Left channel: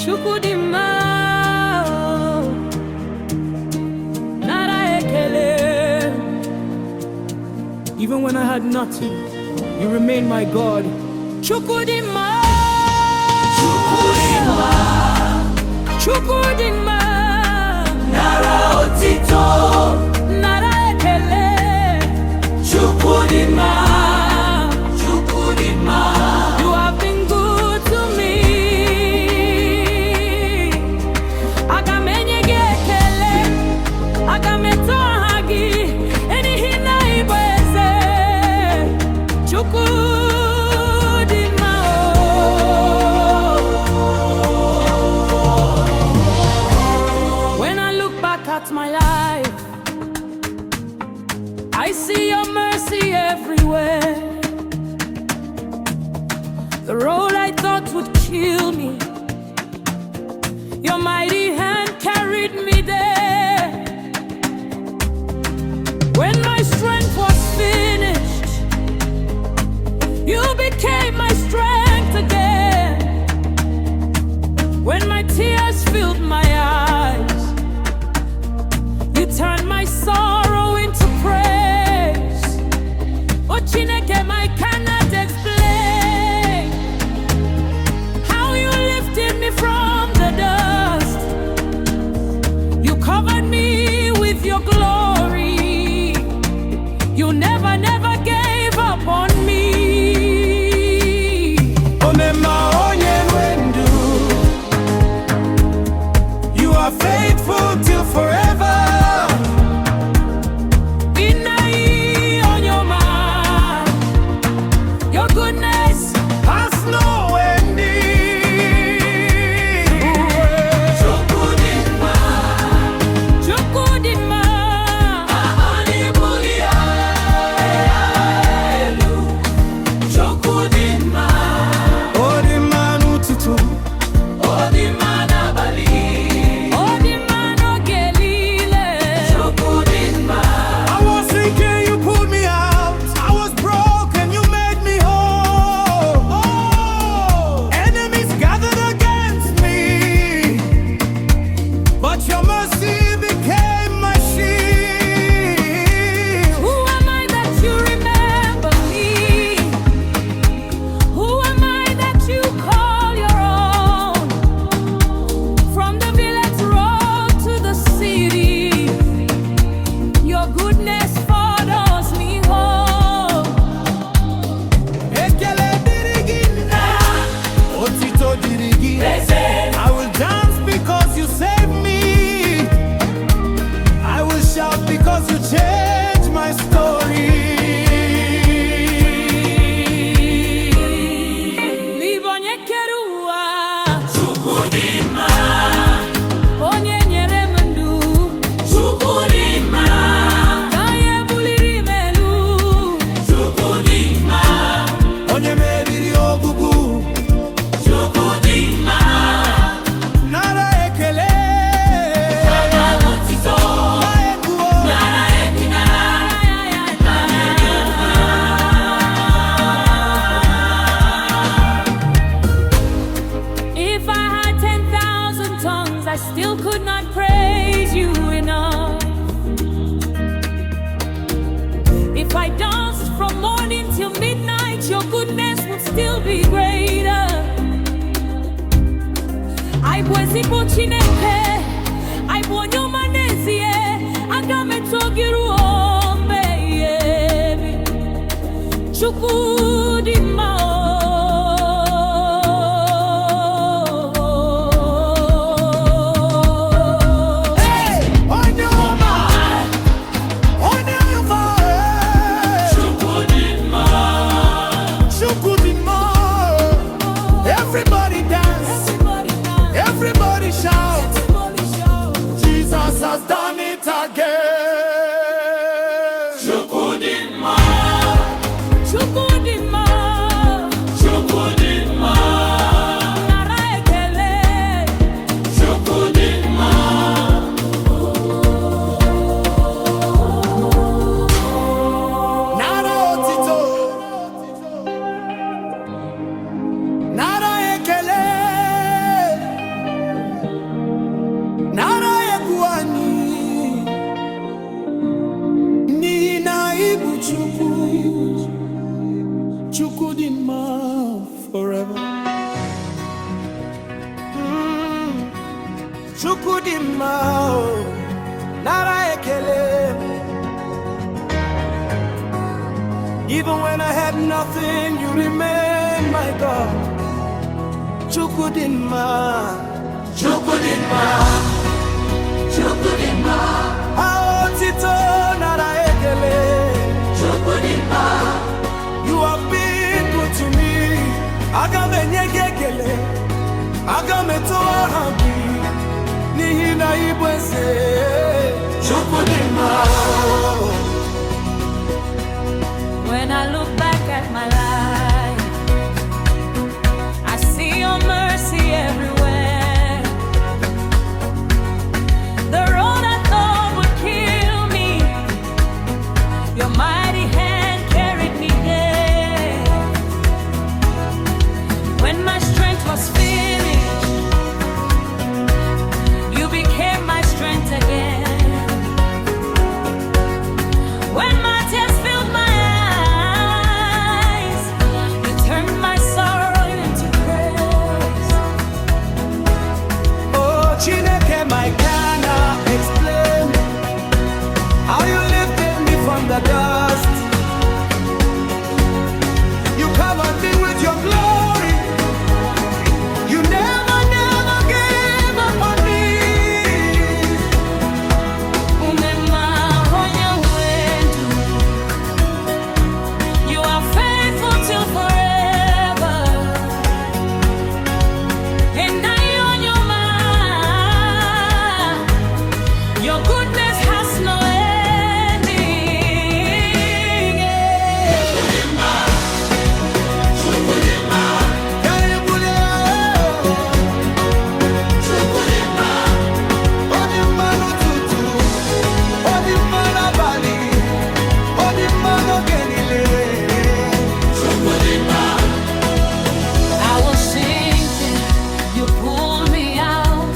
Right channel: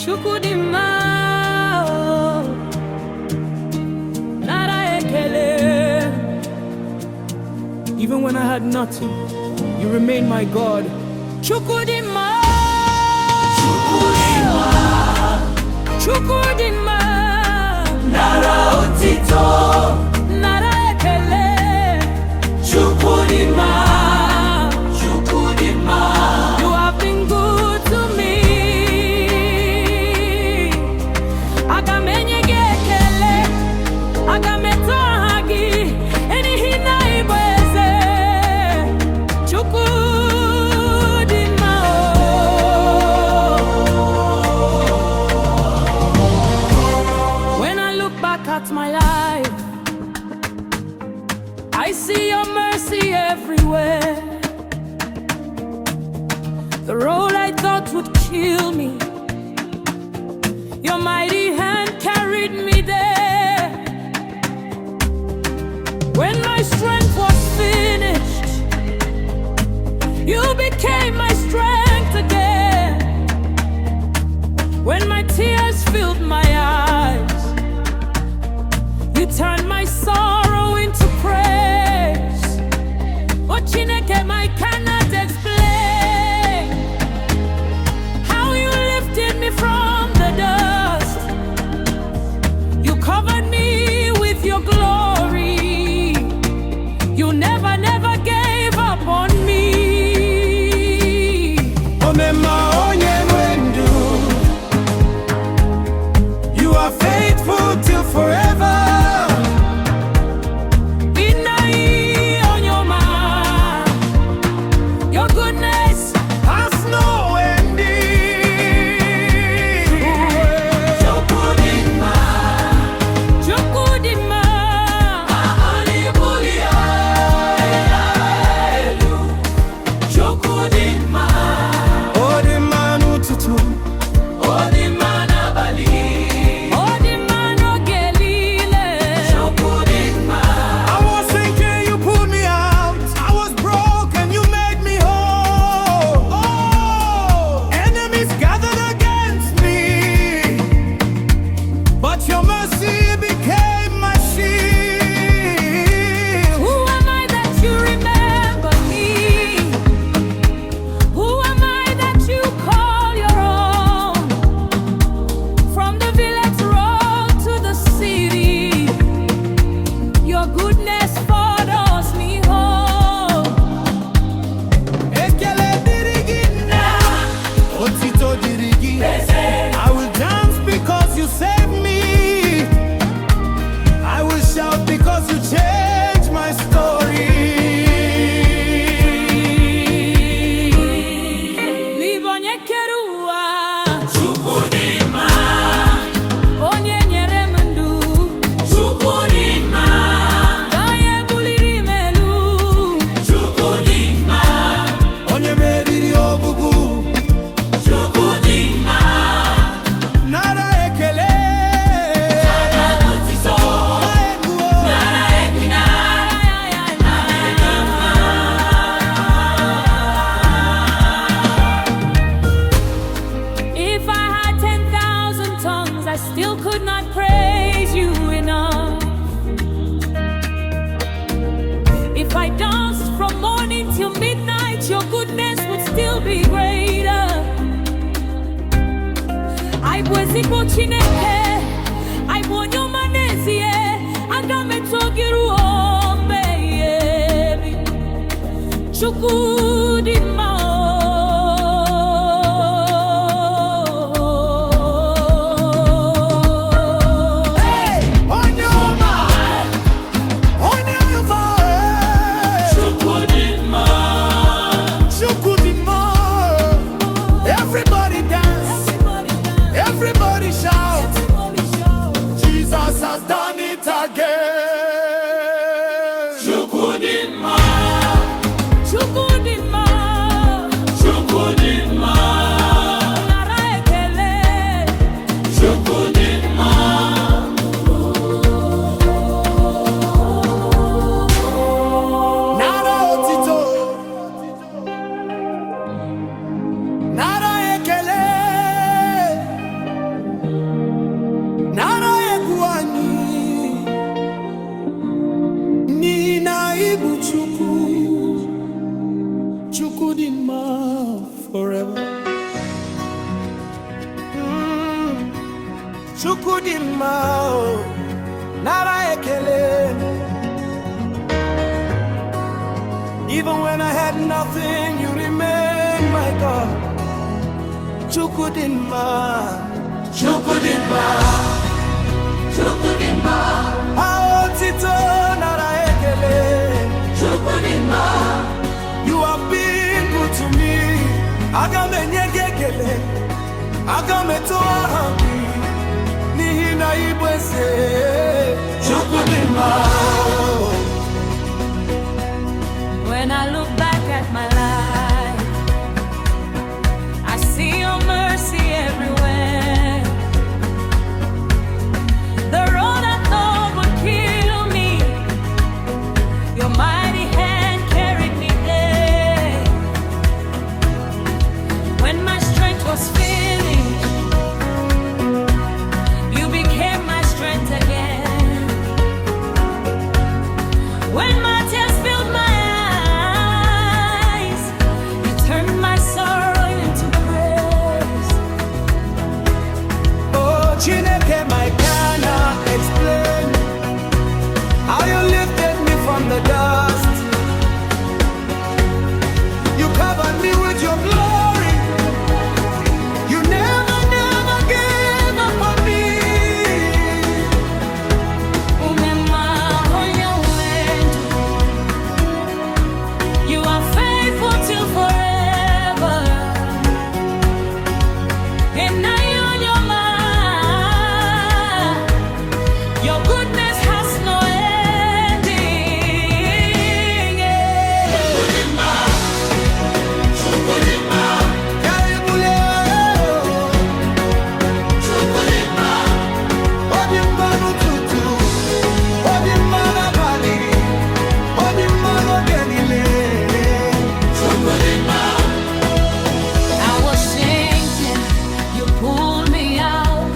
Chukwu Di Nma, nara ekele. Even when I had nothing, you remain my God. Chukwu Di Nma, Chukwu Di Nma, Chukwu Di Nma, nara otito, nara ekele. Chukwu Di Nma, Chukwu Di Nma. You have been good to me. Aga m enye gị ekele, aga m eto aha gị, enihi na ịbụ eze. Chukwu Di Nma, oh. When I look back at my life, I see your mercy everywhere. The road I thought would kill me, your mighty hand carried me there. When my strength was finished, you became my strength again. When my tears filled my eyes, you turned my sorrow into praise. Oh Chineke, I cannot explain how you lifted me from the dust. You covered me with your glory. You never, never gave up on me. Omema onye nwendu, you are faithful till forever. Your goodness has no ending. Chukwu Di Nma, Chukwu Di Nma, Anibulia elu. Chukwu Di Nma, Odi manu tutu, Odi Nma n'abalị. ọ dị mma n'oge niile. Chukwu Di Nma, I was sinking, you pulled me out. I was broken, you made me whole. Enemies gathered against me, but your mercy became my shield. Who am I that you remember me? Who am I that you call your own? From the village road to the city, your goodness follows me home. Ekele dịrị gị nna, otito dịrị gị. I will dance because you saved me. I will shout because you changed my story. N'ịbụ onye kere ụwa, Chukwu Di Nma, onye nyere m ndụ, Chukwu Di Nma, ka ya buliri m elu. Chukwu Di Nma, Onye meriri ogbugbu, Chukwu Di Nma. nara ekele. Nara otito, Na egwu, nara ebina. If I had 10,000 tongues, I still could not praise you enough. If I danced from morning till midnight, your goodness would still be greater. I bụ ezigbo Chineke, I bụ onye ọma n'ezie, aga m eto gị ruo mgbe ebighị ebi. Chukwu Di Nma, onye ọma, onye ọma, Chukwu Di Nma, Chukwu Di Nma. Everybody dance, everybody dance, everybody shout. everybody shout. Jesus has done it again. Chukwu Di Nma, Chukwu Di Nma, Chukwu Di Nma, nara ekele. Chukwu Di Nma. Nara otito, nara ekele, nara egwuanyi, ni na ibu Chukwu Di Nma forever. Chukwu Di Nma, nara ekele. Even when I had nothing, you remain my God. Chukwu Di Nma, Chukwu Di Nma, Chukwu Di Nma, Aotito nara ekele. Chukwu Di Nma, You have been good to me. Aga m enye gị ekele, aga m eto aha gị, n'ihi na ị bụ eze. Chukwu Di Nma. When I look back at my life, I see your mercy everywhere. The road I thought would kill me, your mighty hand carried me there. When my strength was finished, you became my strength again. When my tears filled my eyes, you turned my sorrow into praise. Oh, Chineke, I cannot explain how you lifted me from the dust. You covered me with your glory. You never gave up on me. You are faithful till forever, and I on your mind. Your goodness has no ending. I was sinking, you pulled me out.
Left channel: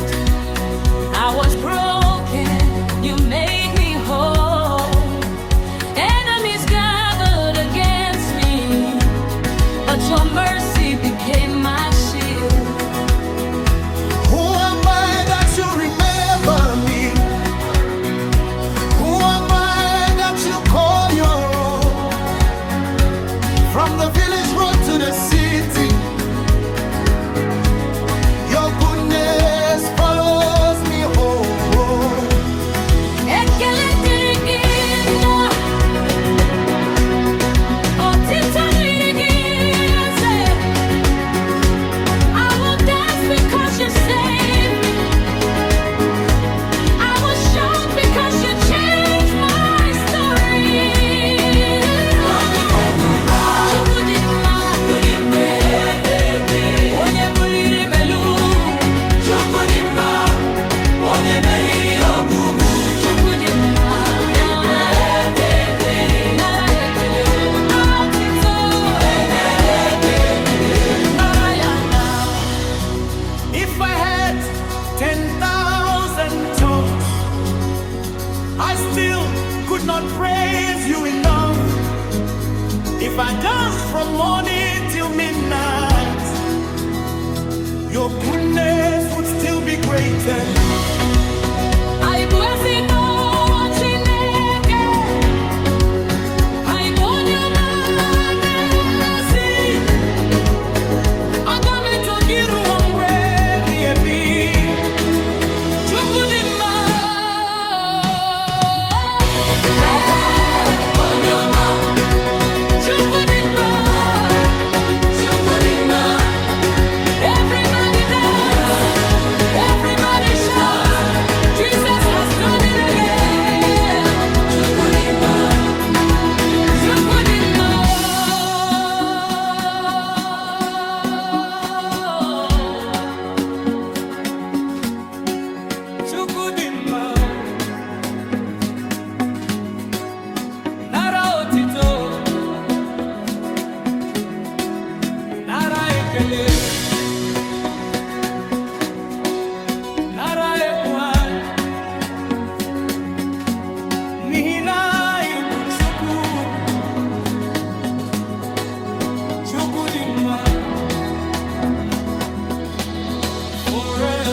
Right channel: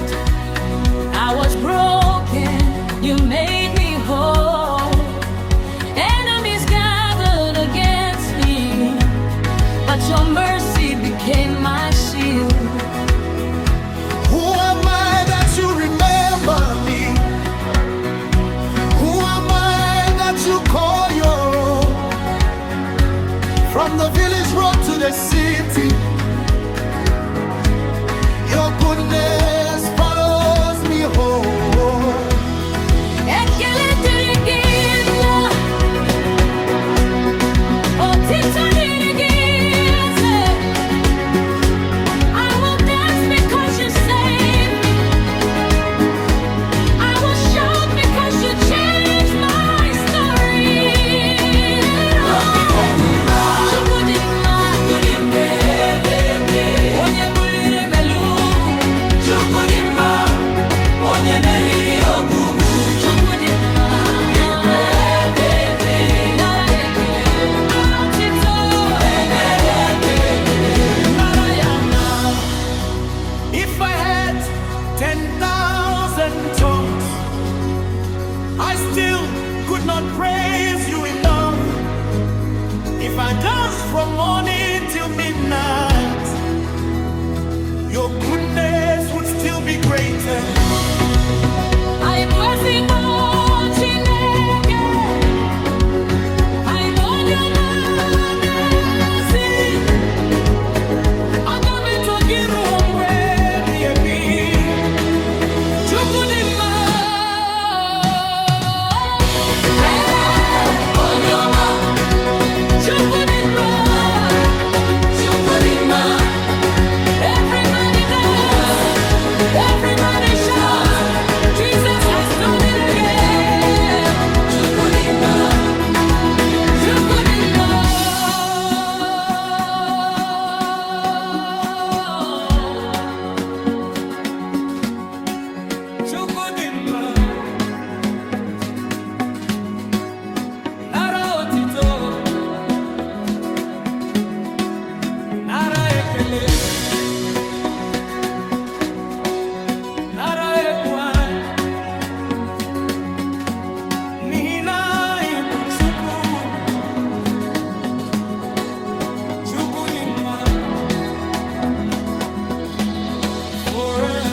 I was broken, you made me whole. Enemies gathered against me, but your mercy became my shield. Who am I that you remember me? Who am I that you call your own? From the village road to the city, your goodness follows me home. Ekele dịrị gị nna, otito dịrị gị eze. I will dance because you saved me. I will shout because you changed my story. Chukwu Di Nma, onye buliri m elu. Chukwu Di Nma, onye meriri ọgwụgwụ. Chukwu Di Nma, nara ekele. Otito, nara ya na. If I had 10,000 tongues, I still could not praise you enough. If I danced from morning till midnight, your goodness would still be greater. Anyị bụ ezigbo Chineke, anyị bụ onye ọma na-ezi. Aga m eto gị ruo mgbe ebighị ebi. Chukwu Di Nma, Onye ọma, Chukwu Di Nma. Chukwu Di Nma, Everybody dance, everybody shout. Jesus has done it again. Chukwu Di Nma, Chukwu Di Nma. Chukwu Di Nma, nara otito, nara ekele. n'ihi na ị bụ Chukwu dị mma forever.